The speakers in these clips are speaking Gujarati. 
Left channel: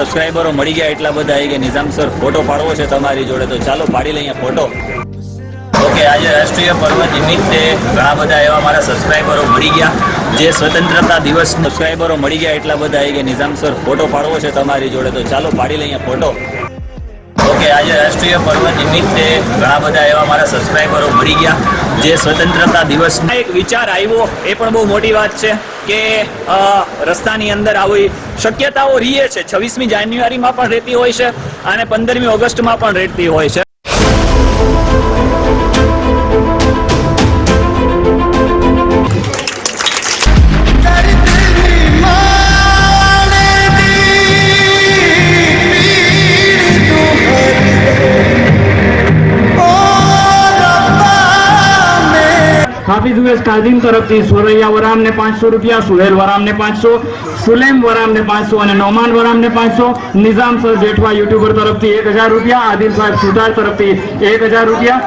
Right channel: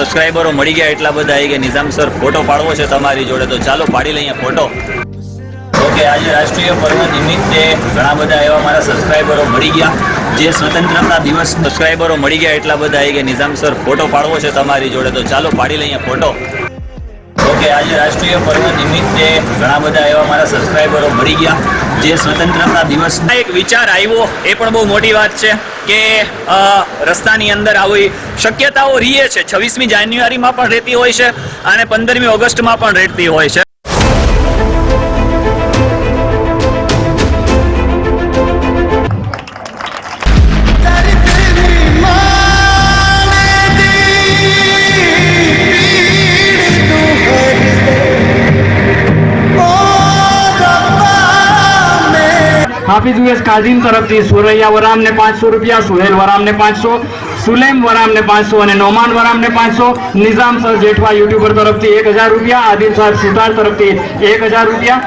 સબસ્ક્રાઈબરો મળી ગયા એટલા બધા કે નિઝામ સર ફોટો પાડવો છે તમારી જોડે, તો ચાલો પાડી લઈએ ફોટો. ઓકે, આજે રાષ્ટ્રીય પર્વ નિમિત્તે ઘણા બધા એવા મારા સબસ્ક્રાઈબરો મળી ગયા. જે સ્વતંત્રતા દિવસ સબસ્ક્રાઈબરો મળી ગયા એટલા બધા કે નિઝામ સર ફોટો પાડવો છે તમારી જોડે, તો ચાલો પાડી લઈએ ફોટો. ઓકે આજે રાષ્ટ્રીય પર્વ નિમિત્તે ઘણા બધા એવા મારા સબસ્ક્રાઈબરો મળી ગયા જે સ્વતંત્રતા દિવસ એક વિચાર આવ્યો. એ પણ બહુ મોટી વાત છે કે રસ્તાની અંદર આવી શક્યતાઓ રહીએ છે. છવ્વીસમી જાન્યુઆરીમાં પણ રહેતી હોય છે અને પંદરમી ઓગસ્ટમાં પણ રહેતી હોય છે. કાદીમ તરફથી સુરૈયા વરામને પાંચસો રૂપિયા, સુહેલ વરામને પાંચસો, સુલેમ વરામને પાંચસો અને નોમાન વરામને પાંચસો. નિઝામ સર જેઠવા યુટ્યુબર તરફથી એક હજાર રૂપિયા, આદિલ સાહેબ સુતાર તરફથી એક હજાર રૂપિયા.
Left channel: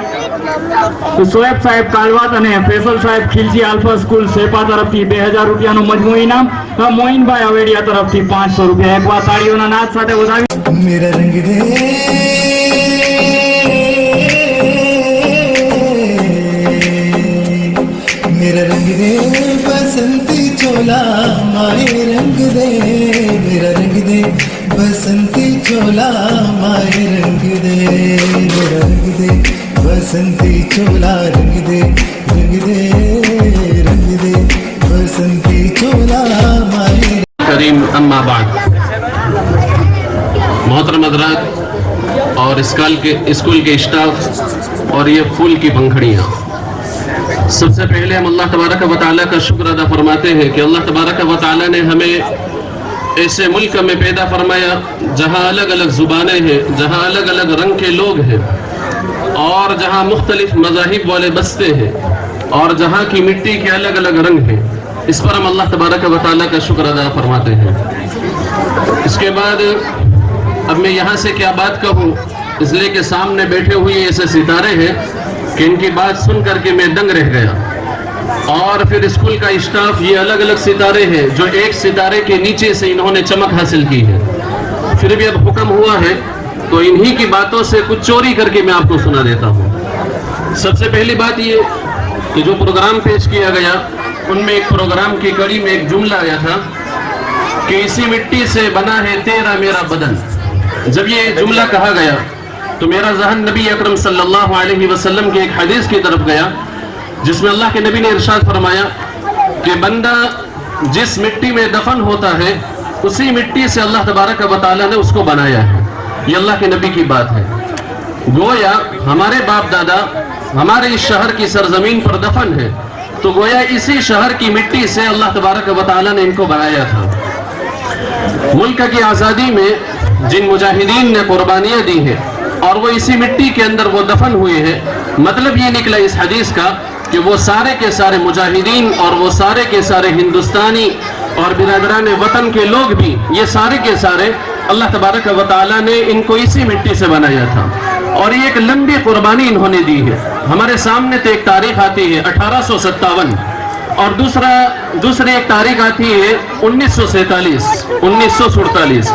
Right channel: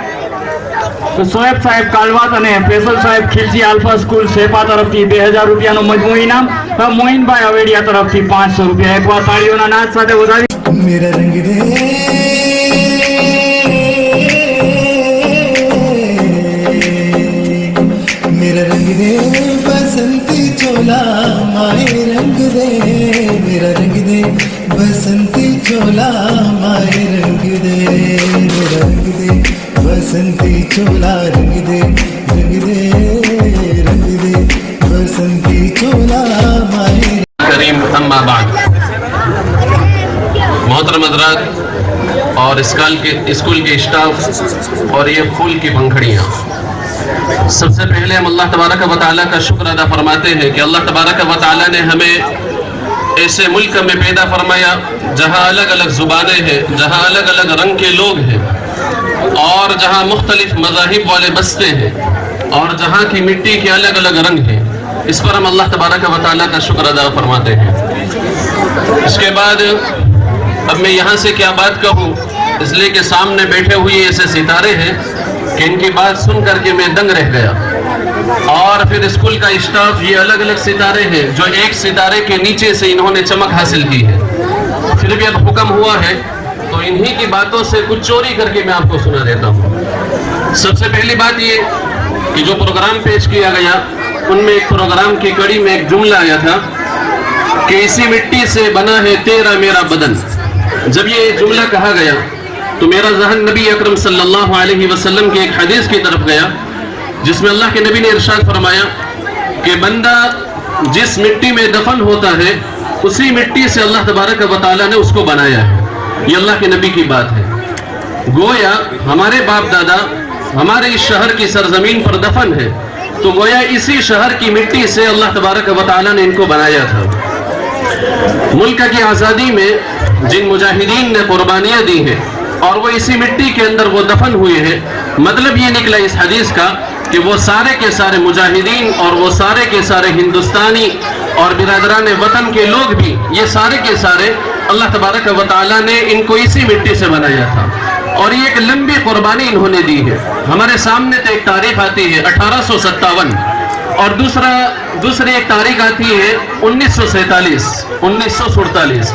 સોએબ સાહેબ કાલવાત અને ફેસલ સાહેબ ખિલજી આલ્ફા સ્કૂલ સેપા તરફથી બે હજાર રૂપિયાનો મજમૂ ઇનામ. મોહિનભાઈ અવેડિયા તરફથી પાંચસો રૂપિયા. એક વાર તાળીઓના નાદ સાથે ઉધારી ಬಸಂತಿ ಚೋಲ ಮಾರಿ ರಂಗಿದೆ ರಂಗಿದೆ ಬಸಂತಿ ಚೋಲ ರಂಗಿದೆ ರಂಗಿದೆ ರಂಗಿದೆ ಬಸಂತಿ ಚೋಲ ಮಾರಿ کریم اما بعد محترم حضرات اور اسکال کے اسکول کے اسٹاف اور یہ پھول کی پنکھڑیاں سب سے پہلے ہم اللہ تبارک و تعالیٰ کا شکر ادا فرماتے ہیں کہ اللہ تبارک و تعالیٰ نے ہمیں ایسے ملک میں پیدا فرمایا جہاں الگ الگ زبانیں ہیں، جہاں الگ الگ رنگ کے لوگ ہیں اور جہاں مختلف مذاہب والے بستے ہیں اور جہاں کی مٹی کے الگ الگ رنگ ہیں۔ اس پر ہم اللہ تبارک و تعالیٰ کا شکر ادا فرماتے ہیں۔ اس کے بعد اب میں یہاں سے کیا بات کہوں؟ اس لیے کہ سامنے بیٹھے ہوئے ایسے ستارے ہیں کہ ان کی بات سن کر کے میں دنگ رہ گیا۔ اور پھر اسکول کا اسٹاف یہ الگ الگ ستارے ہیں جو ایک ستارے کے نیچے سے انہوں نے چمک حاصل کی ہے۔ پھر بھی اب حکم ہوا ہے، تو انہی کی باتوں سے کچھ چوری کر کے میں آپ کو سنا دیتا ہوں۔ سب سے پہلی بات یہ کہ جو پروگرام پیش کیا گیا، ان میں ایک پروگرام کی کڑی میں ایک جملہ آیا تھا کہ اسی مٹی سے بنا ہے تیرا میرا بدن۔ جب یہ جملہ کہا گیا، تو میرا ذہن نبی اکرم صلی اللہ علیہ وسلم کی ایک حدیث کی طرف گیا جس میں اللہ کے نبی نے ارشاد فرمایا کہ بندہ جس مٹی میں دفن ہوتا ہے، اسی مٹی سے اللہ تبارک و تعالیٰ نے اس کو بنایا ہے۔ یہ اللہ کے نبی کی بات ہے۔ گویا ہمارے باپ دادا ہمارے اس شہر کی سرزمین پر دفن ہے، تو گویا اسی شہر کی مٹی سے اللہ تبارک و تعالیٰ نے ان کو بنایا تھا۔ ملک کی آزادی میں جن مجاہدین نے قربانیاں دی ہیں اور وہ اسی مٹی کے اندر وہ دفن ہوئے ہیں۔ مطلب یہ نکلا اس حدیث کا کہ وہ سارے کے سارے مجاہدین اور وہ سارے کے سارے ہندوستانی اور برادران وطن کے لوگ بھی یہ سارے کے سارے اللہ تبارک و تعالیٰ نے ان کو اسی مٹی سے بنایا تھا۔ اور یہ ایک لمبی قربانی انہوں نے دی ہے۔ ہمارے سامنے تو ایک تاریخ آتی ہے اٹھارہ سو ستاون۔ اور دوسرا، دوسری ایک تاریخ آتی ہے انیس سو سینتالیس، انیس سو سڑتالیس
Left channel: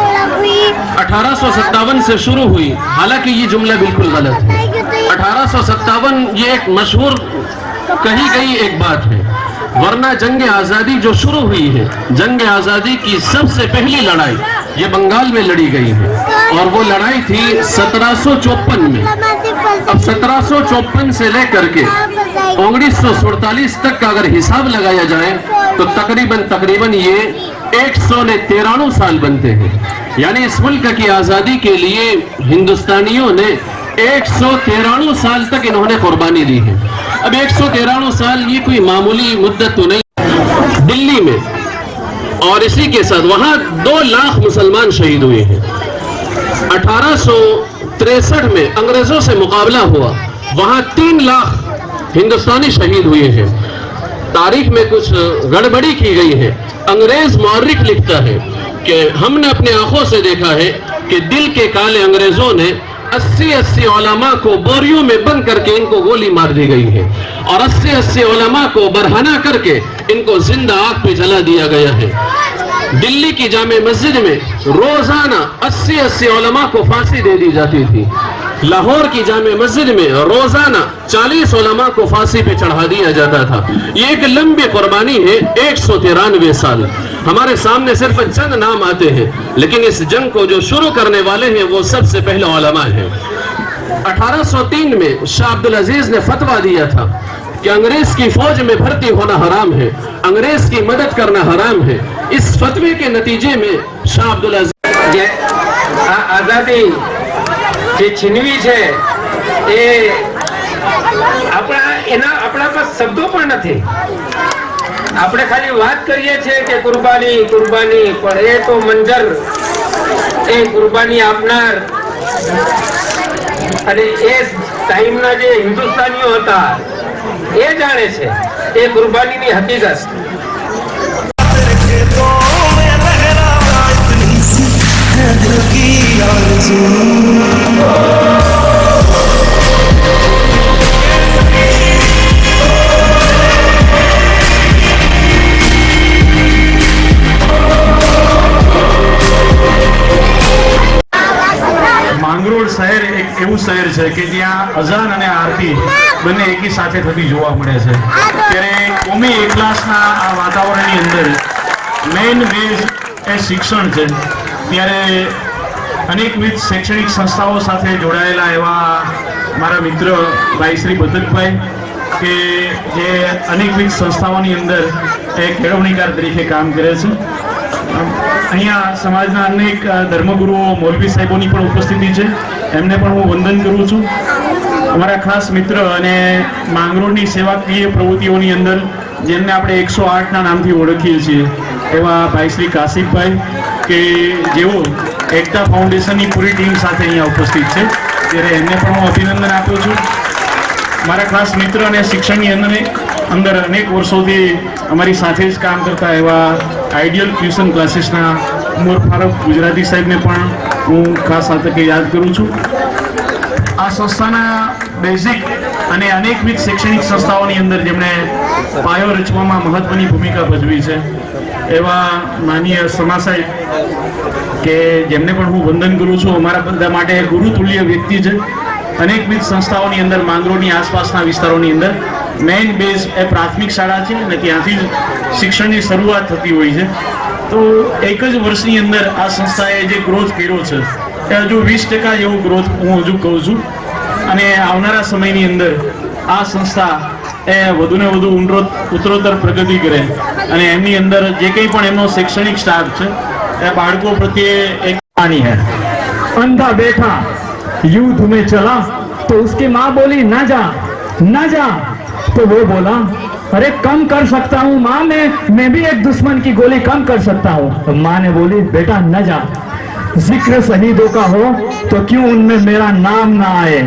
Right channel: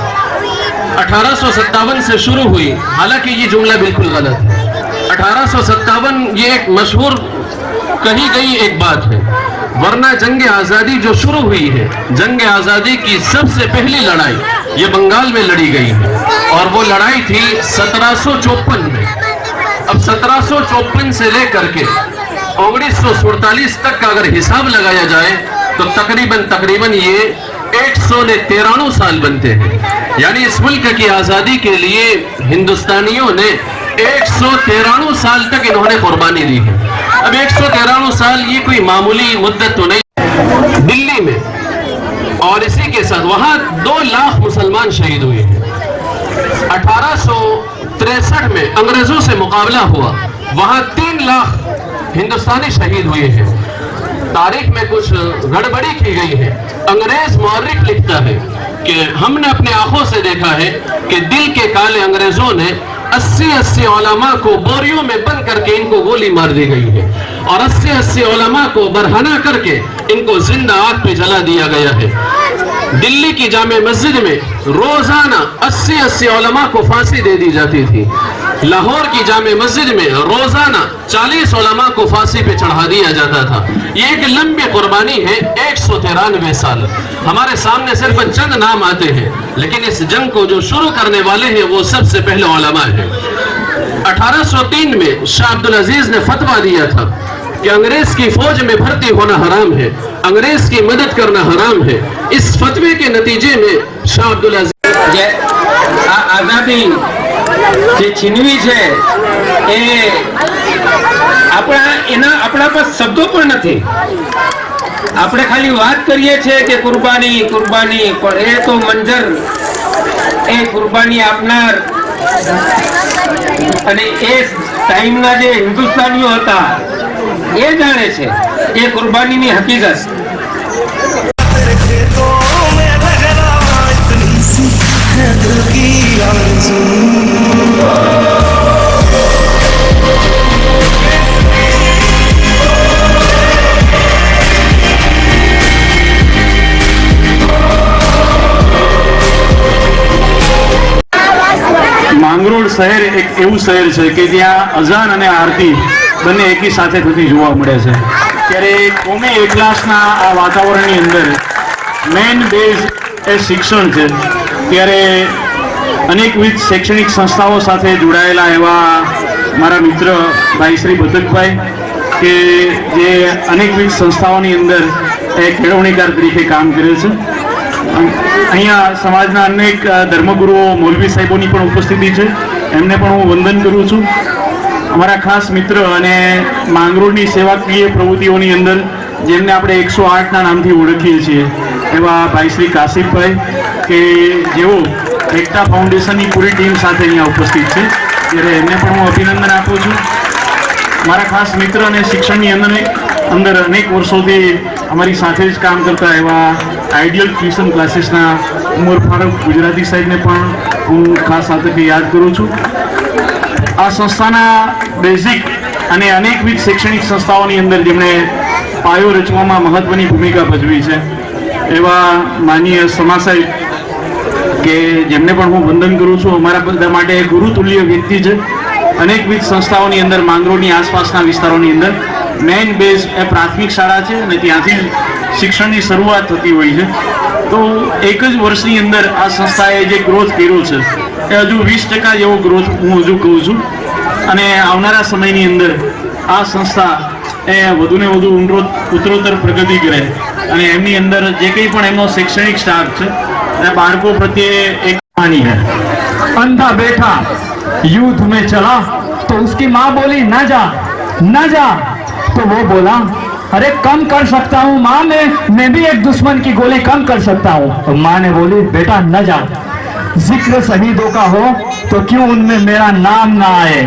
اٹھارہ سو ستاون سے شروع ہوئی۔ حالانکہ یہ جملہ بالکل غلط ہے۔ اٹھارہ سو ستاون یہ ایک مشہور کہی گئی ایک بات ہے، ورنہ جنگ آزادی جو شروع ہوئی ہے، جنگ آزادی کی سب سے پہلی لڑائی یہ بنگال میں لڑی گئی ہے۔ اور وہ لڑائی تھی سترہ سو چوپن میں۔ اب سترہ سو چوپن سے لے کر کے انیس سو سڑتالیس تک اگر حساب لگایا جائے، تو تقریباً تقریباً یہ ایک سو نے تیرانو سال بنتے ہیں۔ یعنی اس ملک کی آزادی کے لیے ہندوستانیوں نے ایک سو تیرانو سال تک انہوں نے قربانی دی ہے۔ اب ایک سو تیرانو سال یہ کوئی معمولی مدت تو نہیں۔ دلی میں اور اسی کے ساتھ وہاں دو لاکھ مسلمان شہید ہوئے ہیں۔ اٹھارہ سو تریسٹھ میں انگریزوں سے مقابلہ ہوا۔ وہاں تین لاکھ ہندوستانی شہید ہوئے ہیں۔ تاریخ میں کچھ گڑبڑی کی گئی ہے۔ انگریز مورک لکھتا ہے کہ ہم نے اپنے آنکھوں سے دیکھا ہے کہ دل کے کالے انگریزوں نے اسی اسی علماء کو بوریوں میں بند کر کے ان کو گولی مار دی گئی ہے اور اسی اسی علماء کو برہنا کر کے ان کو زندہ آگ پہ جلا دیا گیا ہے۔ دلی کی جامع مسجد میں روزانہ اسی اسی علماء کو پھانسی دے دی جاتی تھی۔ لاہور کی جامع مسجد میں روزانہ چالیس علماء کو پھانسی پہ چڑھا دیا جاتا تھا۔ یہ ایک لمبی قربانی ہے، ایک سو تیرانوے سال۔ ہمارے سامنے صرف چند نام آتے ہیں، لیکن اس جنگ کو جو شروع کرنے والے ہیں، وہ سب سے پہلے علماء ہیں۔ اٹھارہ سو تین میں شاہ عبدالعزیز نے فتوہ دیا تھا کہ انگریز کی فوج میں بھرتی ہونا حرام ہے، انگریز کی مدد کرنا حرام ہے۔ اس فتوے کے نتیجے میں شاہ عبدالعزیز جی، آزادی જે છીનવી છે, એ આપણા, એના આપણા પર શબ્દો પણ નથી. આપણે ખાલી વાત કરીએ છીએ કે કુરબાની કુરબાની, પણ એ તો મંજર, એ કુરબાની આપનાર. અને એ ટાઈમના જે હિન્દુસ્તાનીઓ હતા, એ જાણે છે એ કુરબાનીની હકીકત. तेरे શહેર એક એવું શહેર છે કે જ્યાં અઝાન અને આરતી બંને એકી સાથે થતી જોવા મળે છે. ત્યારે કોમી એકલાસના આ વાતાવરણની અંદર મેઇન બેઝ એ શિક્ષણ છે. ત્યારે અનેકવિધ શૈક્ષણિક સંસ્થાઓ સાથે જોડાયેલા એવા મારા મિત્ર ભાઈ શ્રી ભૂતકભાઈ કે જે અનેકવિધ સંસ્થાઓની અંદર એ કેળવણીકાર તરીકે કામ કરે છે. અહીંયા સમાજના અનેક ધર્મગુરુઓ મૌલવી સાહેબોની પણ ઉપસ્થિતિ છે. એમને પણ હું વંદન કરું છું. અમારા ખાસ મિત્ર અને માંગરોળની સેવાકીય પ્રવૃત્તિઓની અંદર, જેમને આપણે એકસો આઠના નામથી ઓળખીએ છીએ, એવા ભાઈ શ્રી કાશિકભાઈ કે જેઓ એકતા ફાઉન્ડેશનની પૂરી ટીમ સાથે અહીંયા ઉપસ્થિત છે. ત્યારે એમને પણ હું અભિનંદન આપું છું. મારા ખાસ મિત્ર અને શિક્ષણની અંદર અંદર અનેક વર્ષોથી અમારી સાથે જ કામ કરતા એવા આઈડિયલ ટ્યુશન ક્લાસીસના ઉમર ફારૂક ગુજરાતી સાહેબને પણ હું ખાસ આ યાદ કરું છું. આ સંસ્થાના બેઝિક અને અનેકવિધ શૈક્ષણિક સંસ્થાઓની અંદર જેમણે પાયો રચવામાં મહત્વની ભૂમિકા ભજવી છે. એવા માનીય સમા સાહેબ કે જેમને પણ હું વંદન કરું છું, અમારા બધા માટે ગુરુતુલ્ય વ્યક્તિ છે. અનેકવિધ સંસ્થાઓની અંદર માંગરોળની આસપાસના વિસ્તારોની અંદર મેઇન બેઝ એ પ્રાથમિક શાળા છે અને ત્યાંથી શિક્ષણની શરૂઆત થતી હોય છે. તો એક જ વર્ષની અંદર આ સંસ્થાએ જે ગ્રોથ કર્યો છે, એ હજુ વીસ ટકા એવો ગ્રોથ હું હજુ કહું છું. અને આવનારા સમયની અંદર આ સંસ્થા એ વધુને વધુ ઊંડો ઉત્તરોત્તર પ્રગતિ કરે. અને એમની અંદર જે કંઈ પણ એમનો શૈક્ષણિક સ્ટાફ છે, એ બાળકો પ્રત્યે એક કહાની હે અંધા બેઠા, યુદ્ધ મેં ચલા, તો ઉસકી માં બોલી, ના જા ના જા. તો વો બોલા ارے کم کر سکتا ہوں، ماں نے، میں بھی ایک دشمن کی گولی کم کر سکتا ہوں۔ تو ماں نے بولی، بیٹا نہ جا۔ ذکر شہیدوں کا ہو تو کیوں ان میں میرا نام نہ آئے؟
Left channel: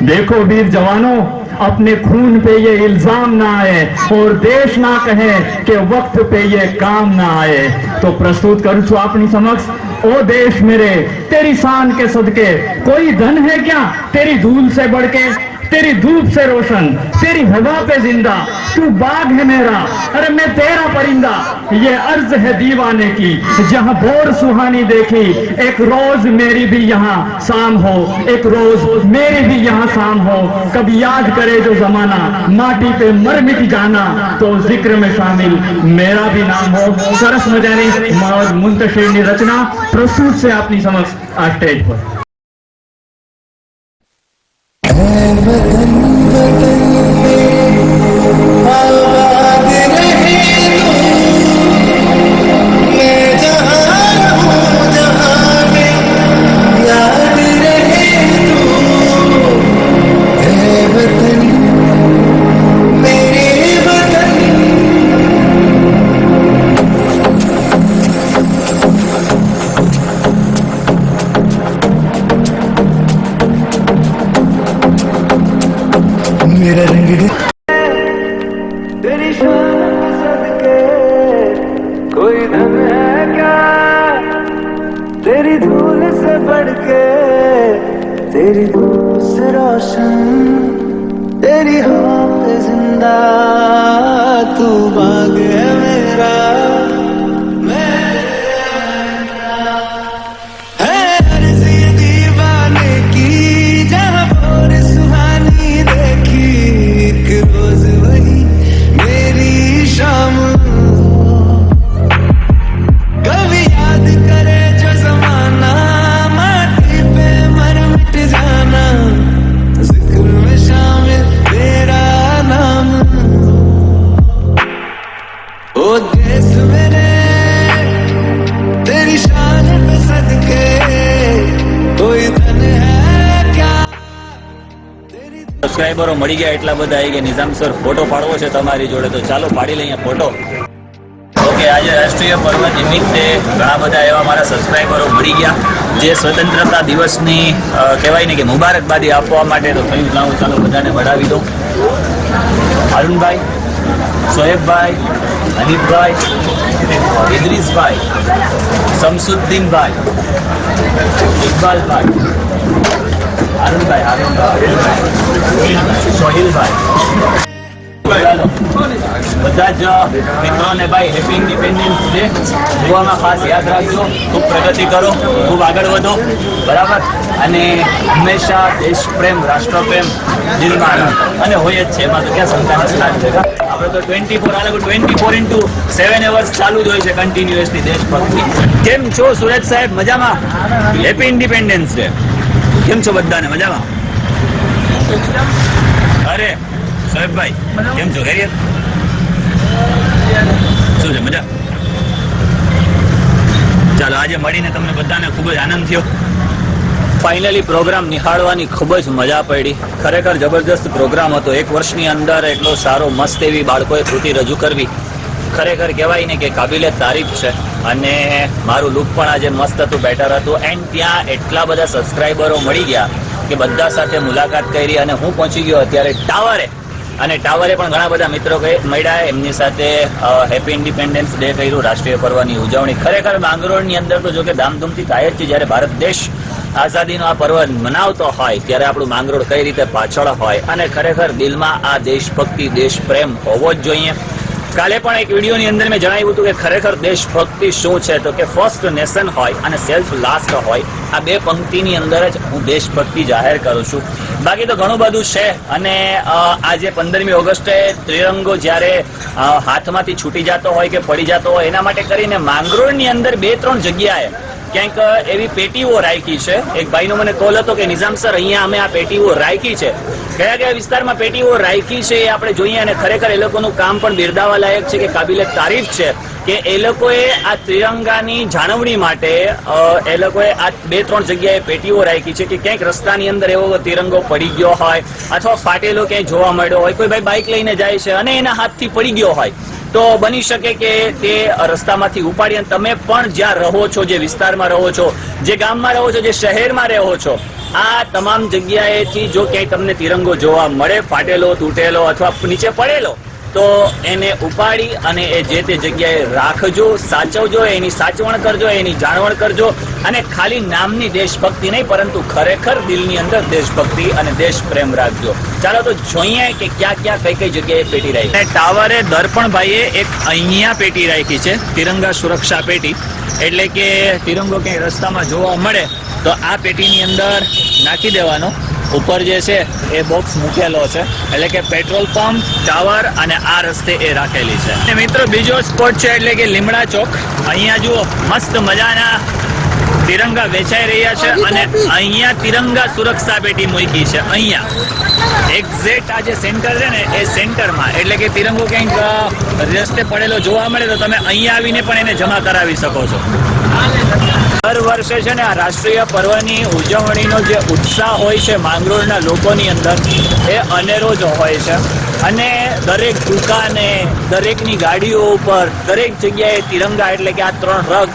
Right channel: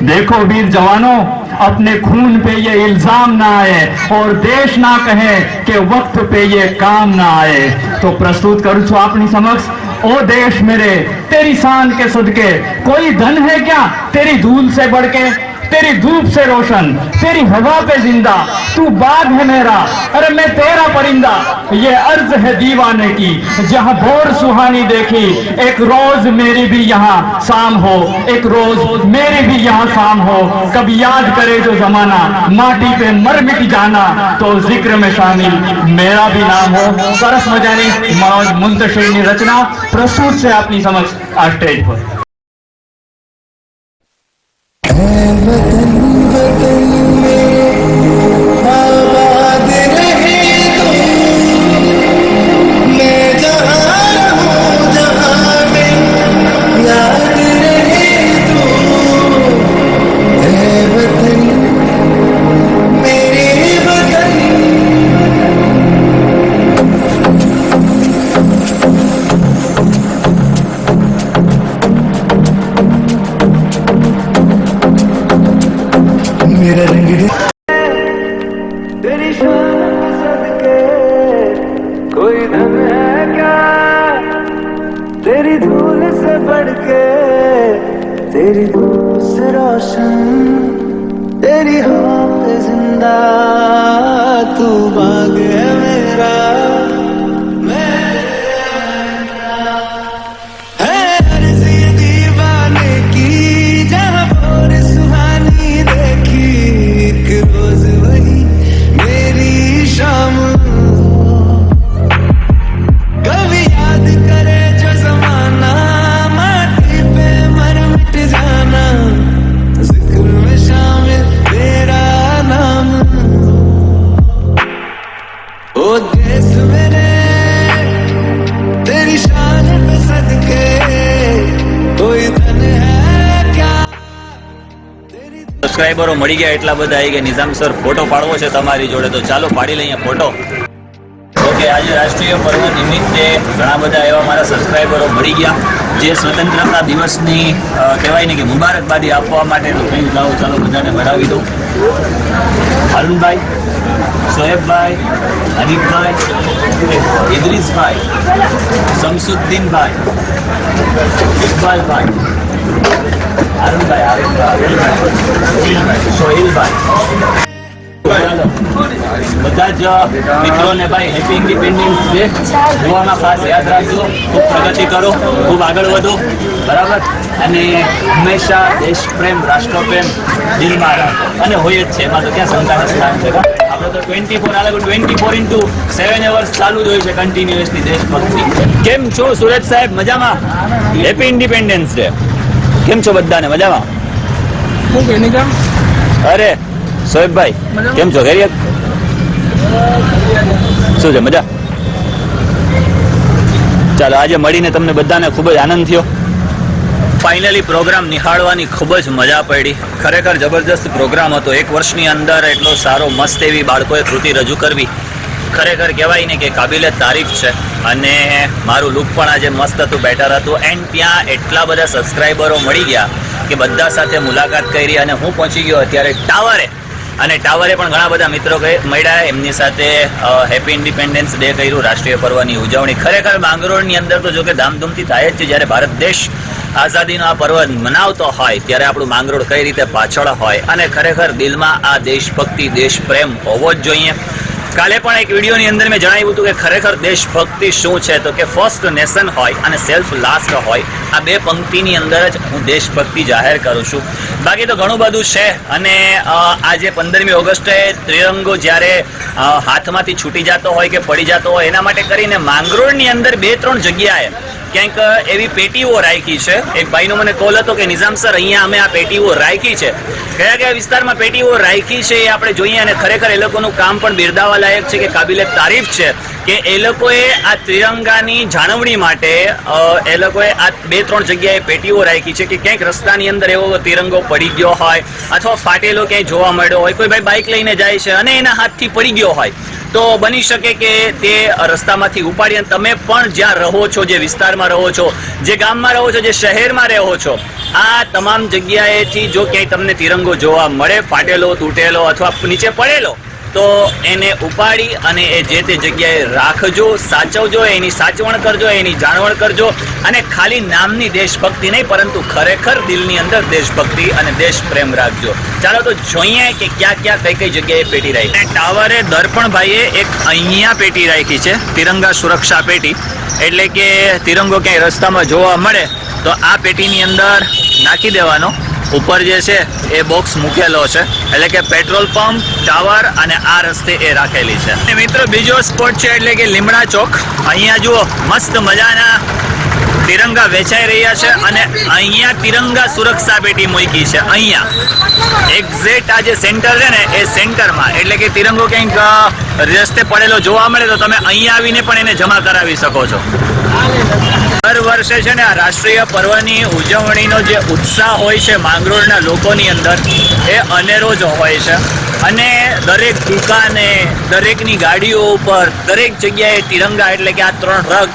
دیکھو ویر جوانوں، اپنے خون پہ یہ الزام نہ آئے اور دیش نہ کہے کہ وقت پہ یہ کام نہ آئے۔ تو پرستوت کروں چھو اپنی سمجھ۔ او دیش میرے، تیری شان کے صدقے، کوئی دھن ہے کیا؟ تیری دھول سے بڑھ کے۔ تیری دھوپ سے روشن، تیری ہوا پہ زندہ، تو باغ ہے میرا، ارے میں تیرا پرندہ۔ یہ عرض ہے دیوانے کی، جہاں بور سہانی دیکھی، ایک روز میری بھی یہاں سام ہو، ایک روز میری بھی یہاں شام ہو۔ کب یاد کرے جو زمانہ، ماٹی پہ مر مٹ جانا، تو ذکر میں شامل میرا بھی نام ہو۔ سرس مجانی منتشرنی رچنا پرسوت سے اپنی سمجھ آسٹیج ہو۔ है वतन वतन से बढ़ के तेरी धूप से रोशन तेरी हवा पे जिंदा तू बाग है मेरा સબસ્ક્રાઈબરો મળી ગયા એટલા બધા ગયા. નિઝામ સર, ફોટો પાડવો છે તમારી જોડે, તો ચાલો પાડી લઈએ ફોટો. ઓકે, આજે રાષ્ટ્રીય પર્વ નિમિત્તે ઘણા બધા એવા મારા સબસ્ક્રાઈબરો મળી ગયા. જે સ્વતંત્રતા દિવસની કહેવાય ને કે મુબારકબાદી આપવા માટે તો કયું લાવો ચાલો બધાને વડાવી દઉં. અરુણભાઈ, સોહેબભાઈ, હનીફભાઈ, ઇદ્રીસભાઈ, શમસુદ્દીનભાઈ, ઇકબાલભાઈ. અરુણભાઈ અરુણભાઈ સોહિલભાઈ બધા જ એમાં તો ક્યાં શંકાનું સ્થાન છે? આપણે તો ટ્વેન્ટી ફોર આ ટ્વેન્ટી સેવન અવર્સ ચાલુ જ હોય છે કન્ટિન્યુઅસલી દેશભક્તિ. કેમ છો સુરત સાહેબ? મજામાં? હેપી ઇન્ડિપેન્ડન્સ ડે કેમ છો બધાને? મજામાં? અરે સોહેબભાઈ કેમ છો? ખૈરિયત શું છે મજા? ચાલો આજે મળીને તમને બધાને ખૂબ જ આનંદ થયો. ફાઇનલી પ્રોગ્રામ નિહાળવાની ખૂબ જ મજા પડી. ખરેખર જબરજસ્ત પ્રોગ્રામ હતો. એક વર્ષની અંદર એટલો સારો મસ્ત એવી બાળકોએ કૃતિ રજૂ કરવી. ખરેખર કહેવાય ને કે કાબિલે તારીફ છે. અને મારું લુક પણ આજે મસ્ત હતું બેટર હતું. એન્ડ ત્યાં એટલા બધા સબસ્ક્રાઈબરો મળી ગયા કે બધા સાથે મુલાકાત કરી અને હું પહોંચી ગયો અત્યારે ટાવરે. અને ટાવરે પણ ઘણા બધા મિત્રો મળ્યા. એમની સાથે હેપી ઇન્ડિપેન્ડન્સ ડે કર્યું, રાષ્ટ્રીય પર્વની ઉજવણી. ખરેખર માંગરોળની અંદર તો જો કે ધામધૂમથી થાય જ છે. જ્યારે ભારત દેશ આઝાદીનો આ પર્વ મનાવતો હોય, ત્યારે આપણું માંગરોળ કઈ રીતે પાછળ હોય? અને ખરેખર દિલમાં આ દેશભક્તિ દેશ પ્રેમ હોવો જ જોઈએ. કાલે પણ એક વિડીયોની અંદર મેં જણાવ્યું હતું કે ખરેખર દેશભક્તિ શું છે? તો કે ફર્સ્ટ નેશન હોય અને સેલ્ફ લાસ્ટ હોય, આ બે પંક્તિની અંદર જ હું દેશભક્તિ જાહેર કરું છું. બાકી તો ઘણું બધું છે અને આજે પંદરમી ઓગસ્ટે ત્રિરંગો જ્યારે હાથમાંથી છૂટી જતો હોય કે પડી જતો હોય, એના માટે કરીને માંગરોળની અંદર બે ત્રણ જગ્યાએ ક્યાંક એવી પેટીઓ રાખી છે. એક ભાઈનો મને કોલ હતો કે, નિઝામ સર, અહીંયા અમે આ પેટીઓ રાખી છે. કયા કયા વિસ્તારમાં પેટીઓ રાખી છે એ આપણે જોઈએ અને ખરેખર એ લોકોનું કામ પણ બિરદાવા લાયક છે કે કાબિલે તારીફ છે કે એ લોકોએ આ ત્રિરંગાની જાળવણી માટે એ લોકોએ આ બે ત્રણ જગ્યાએ પેટીઓ રાખી છે કે ક્યાંક રસ્તાની અંદર એવો તિરંગો પડી ગયો હોય અથવા ફાટેલો ક્યાંય જોવા મળ્યો હોય. કોઈ ભાઈ બાઇક લઈને જાય છે અને એના હાથથી પડી ગયો હોય. તો બની શકે કે તે રસ્તામાંથી ઉપાડી અને તમે પણ જ્યાં રહો છો, જે વિસ્તારમાં રહો છો, જે ગામમાં રહો છો, જે શહેરમાં રહો છો, આ તમામ જગ્યાએથી જો ક્યાંય તમને તિરંગો જોવા મળે, ફાટેલો, તૂટેલો અથવા નીચે પડેલો તો એને ઉપાડી અને એ જે તે જગ્યાએ રાખજો, સાચવજો, એની સાચવણ કરજો, એની જાળવણ કરજો અને ખાલી નામની દેશભક્તિ નહીં, પરંતુ ખરેખર દિલની અંદર દેશભક્તિ અને દેશ પ્રેમ રાખજો. ચાલો તો જોઈએ કે ક્યાં ક્યાં કઈ કઈ જગ્યાએ પેટી રાખી. અને ટાવરે દર્પણભાઈએ એક અહીંયા પેટી રાખી છે, તિરંગા સુરક્ષા પેટી. એટલે કે તિરંગો ક્યાંય રસ્તામાં જોવા મળે, તો આ પેટીની અંદર નાખી દેવાનો. ઉપર જે છે એ બોક્સ મૂકેલો છે. એટલે કે પેટ્રોલ પંપ ટાવર અને આ રસ્તે એ રાખેલી છે. મિત્રો, બીજો સ્પોટ છે એટલે કે લીમડા ચોક. અહીંયા જુઓ, મસ્ત મજાના તિરંગા વેચાઈ રહ્યા છે અને અહીંયા તિરંગા સુરક્ષા પેટી મૂકી છે. અહીંયા. એક્ઝેક્ટ આ જે સેન્ટર છે ને, એ સેન્ટરમાં એટલે કે તિરંગો ક્યાંક રસ્તે પડેલો જોવા મળે તો તમે અહીંયા આવીને પણ એને જમા કરાવી શકો છો. દર વર્ષે છે ને આ રાષ્ટ્રીય પર્વની ઉજવણીનો જે ઉત્સાહ હોય છે માંગરોળના લોકોની અંદર, એ અનેરો જ હોય છે. અને દરેક દુકાને, દરેકની ગાડીઓ ઉપર, દરેક જગ્યાએ તિરંગા એટલે કે આ ત્રણ રંગ,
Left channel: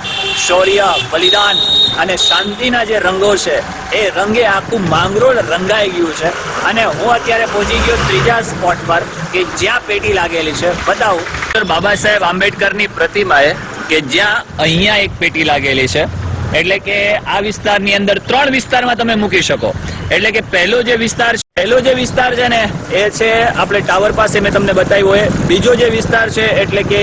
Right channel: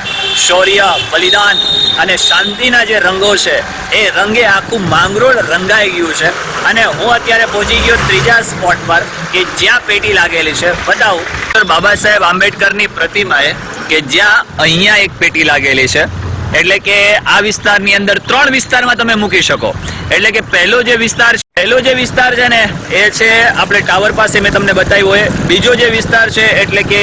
શૌર્ય, બલિદાન અને શાંતિના જે રંગો છે, એ રંગે આખું માંગરોળ રંગાઈ ગયું છે. અને હું અત્યારે પહોંચી ગયો ત્રીજા સ્પોટ પર, કે જ્યાં પેટી લાગેલી છે. બતાવું. બાબા સાહેબ આંબેડકરની પ્રતિમાએ, કે જ્યાં અહીંયા એક પેટી લાગેલી છે. એટલે કે આ વિસ્તારની અંદર ત્રણ વિસ્તારમાં તમે મૂકી શકો. એટલે કે પહેલો જે વિસ્તાર છે, પહેલો જે વિસ્તાર છે ને, એ છે આપણે ટાવર પાસે મેં તમને બતાવ્યો હોય. બીજો જે વિસ્તાર છે, એટલે કે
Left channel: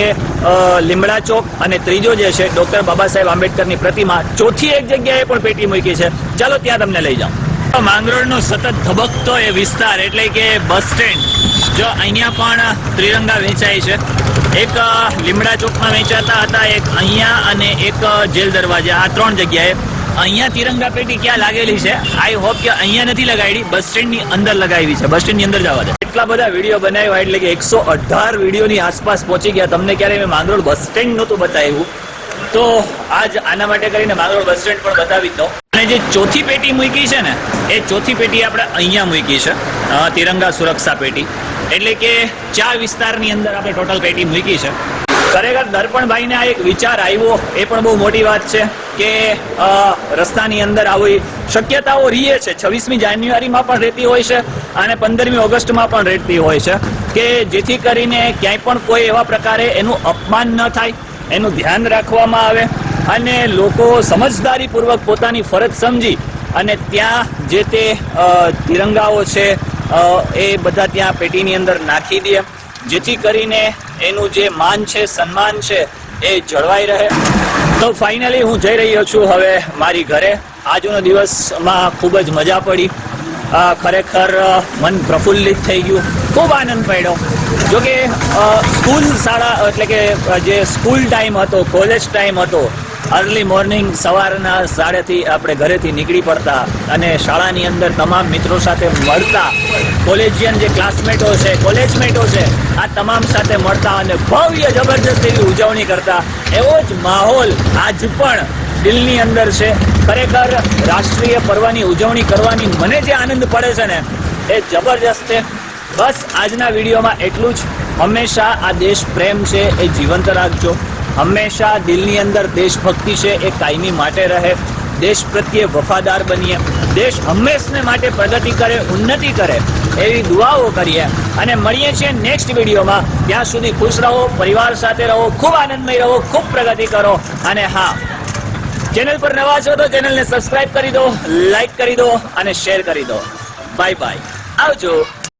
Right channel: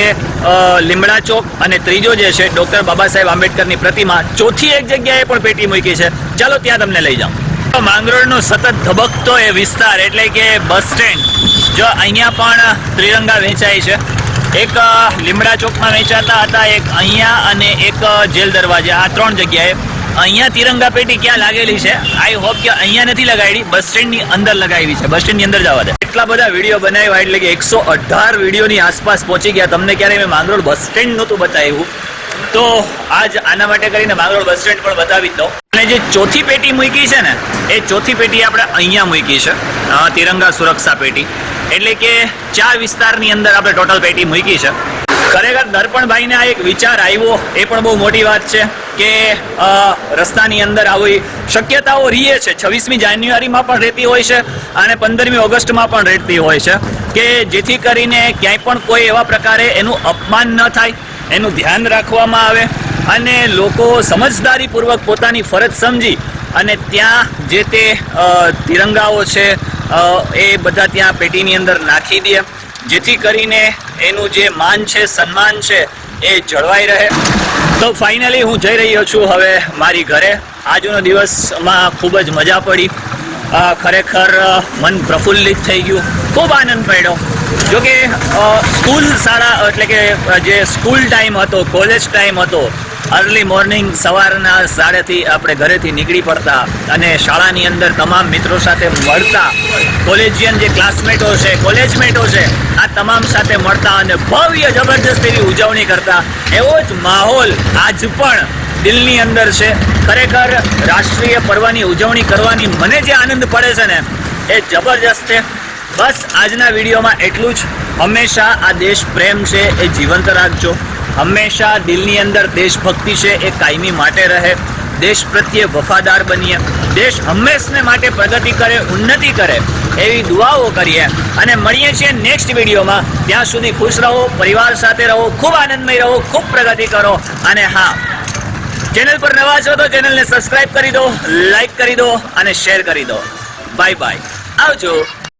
લીમડા ચોક અને ત્રીજો જે છે, ડોક્ટર બાબા સાહેબ આંબેડકરની પ્રતિમા, ચોથી એક જગ્યાએ પણ પેટી મૂકી છે. ચાલો ત્યાં તમને લઈ જાઉં. માંગરોળનો સતત ધબકતો એ વિસ્તાર, એટલે કે બસ સ્ટેન્ડ. જો અહીંયા પણ ત્રિરંગા વેચાય છે. એક લીમડા ચોકમાં વેચાતા હતા, એક અહીંયા અને એક જેલ દરવાજા. આ ત્રણ જગ્યાએ. અહીંયા તિરંગા પેટી ક્યાં લાગેલી છે? આઈ હોપ કે અહીંયા નથી લગાડી, બસ સ્ટેન્ડની અંદર લગાવી છે. બસ સ્ટેન્ડની અંદર જવા દે. એટલા બધા વીડિયો બનાવ્યા એટલે કે એકસો અઢાર વિડીયોની આસપાસ પહોંચી ગયા. તમને ક્યારે મેં માંગરોળ બસ સ્ટેન્ડ નહોતું બતાવ્યું. તો આજ આના માટે કરીને માંગરોળ બસ સ્ટેન્ડ પણ બતાવી દો અને જે ચોથી પેટી મૂકી છે ને, એ ચોથી પેટી આપણે અહીંયા મૂકી છે. તિરંગા સુરક્ષા પેટી. એટલે કે ચાર વિસ્તારની અંદર આપણે ટોટલ પેટી મૂકી છે. ખરેખર દર્પણભાઈને આ એક વિચાર આવ્યો, એ પણ બહુ મોટી વાત છે કે રસ્તાની અંદર આવી શક્યતાઓ રહીએ છે. છવ્વીસમી જાન્યુઆરીમાં પણ રહેતી હોય છે અને પંદરમી ઓગસ્ટમાં પણ રહેતી હોય છે કે જેથી કરીને ક્યાંય પણ કોઈ એવા પ્રકારે એનું અપમાન ન થાય, એનું ધ્યાન રાખવામાં આવે અને લોકો સમજદારીપૂર્વક પોતાની ફરજ સમજી અને ત્યાં જે તે તિરંગાઓ છે એ બધા ત્યાં પેટીની અંદર નાખી દે. જેથી કરીને એનું જે માન છે, સન્માન છે, એ જળવાઈ રહે. તો ફાઇનલી હું જઈ રહ્યો છું હવે મારી ઘરે. આજનો દિવસમાં ખૂબ જ મજા પડી. ખરેખર મન પ્રફુલ્લિત થઈ ગયું. ખૂબ આનંદ પડ્યો જોકે સ્કૂલ શાળા, એટલે કે જે સ્કૂલ ટાઈમ હતો, કોલેજ ટાઈમ હતો અર્લી મોર્નિંગ સવારના સાડેથી આપણે ઘરેથી નીકળી પડતા અને શાળાની અંદર તમામ મિત્રો સાથે મળતા. કોલેજિયન જે ક્લાસમેટો છે કોલેજમેટો છે, આ તમામ સાથે મળતા અને ભવ્ય જબરજસ્ત એવી ઉજવણી કરતા. એવો જ માહોલ આજ પણ દિલની અંદર છે. ખરેખર રાષ્ટ્રીય પર્વની ઉજવણી કરવાની મને જે આનંદ પડે છે ને, એ જબરજસ્ત છે. બસ આજના વિડીયોમાં એટલું જ. હંમેશા આ દેશ પ્રેમ છે, એ જીવંત રાખજો. હંમેશા દિલની અંદર દેશભક્તિ છે, એ કાયમી માટે રહે. દેશ પ્રત્યે વફાદાર બનીએ. દેશ હંમેશને માટે પ્રગતિ કરે, ઉન્નતિ કરે, એવી દુઆઓ કરીએ. અને મળીએ છીએ નેક્સ્ટ વિડીયોમાં. ત્યાં સુધી ખુશ રહો, પરિવાર સાથે રહો, ખૂબ આનંદમય રહો, ખૂબ પ્રગતિ કરો. અને હા, ચેનલ પર નવા છો તો ચેનલને સબસ્ક્રાઇબ કરી દો લાઈક કરી દો અને શેર કરી દો. બાય બાય આવજો.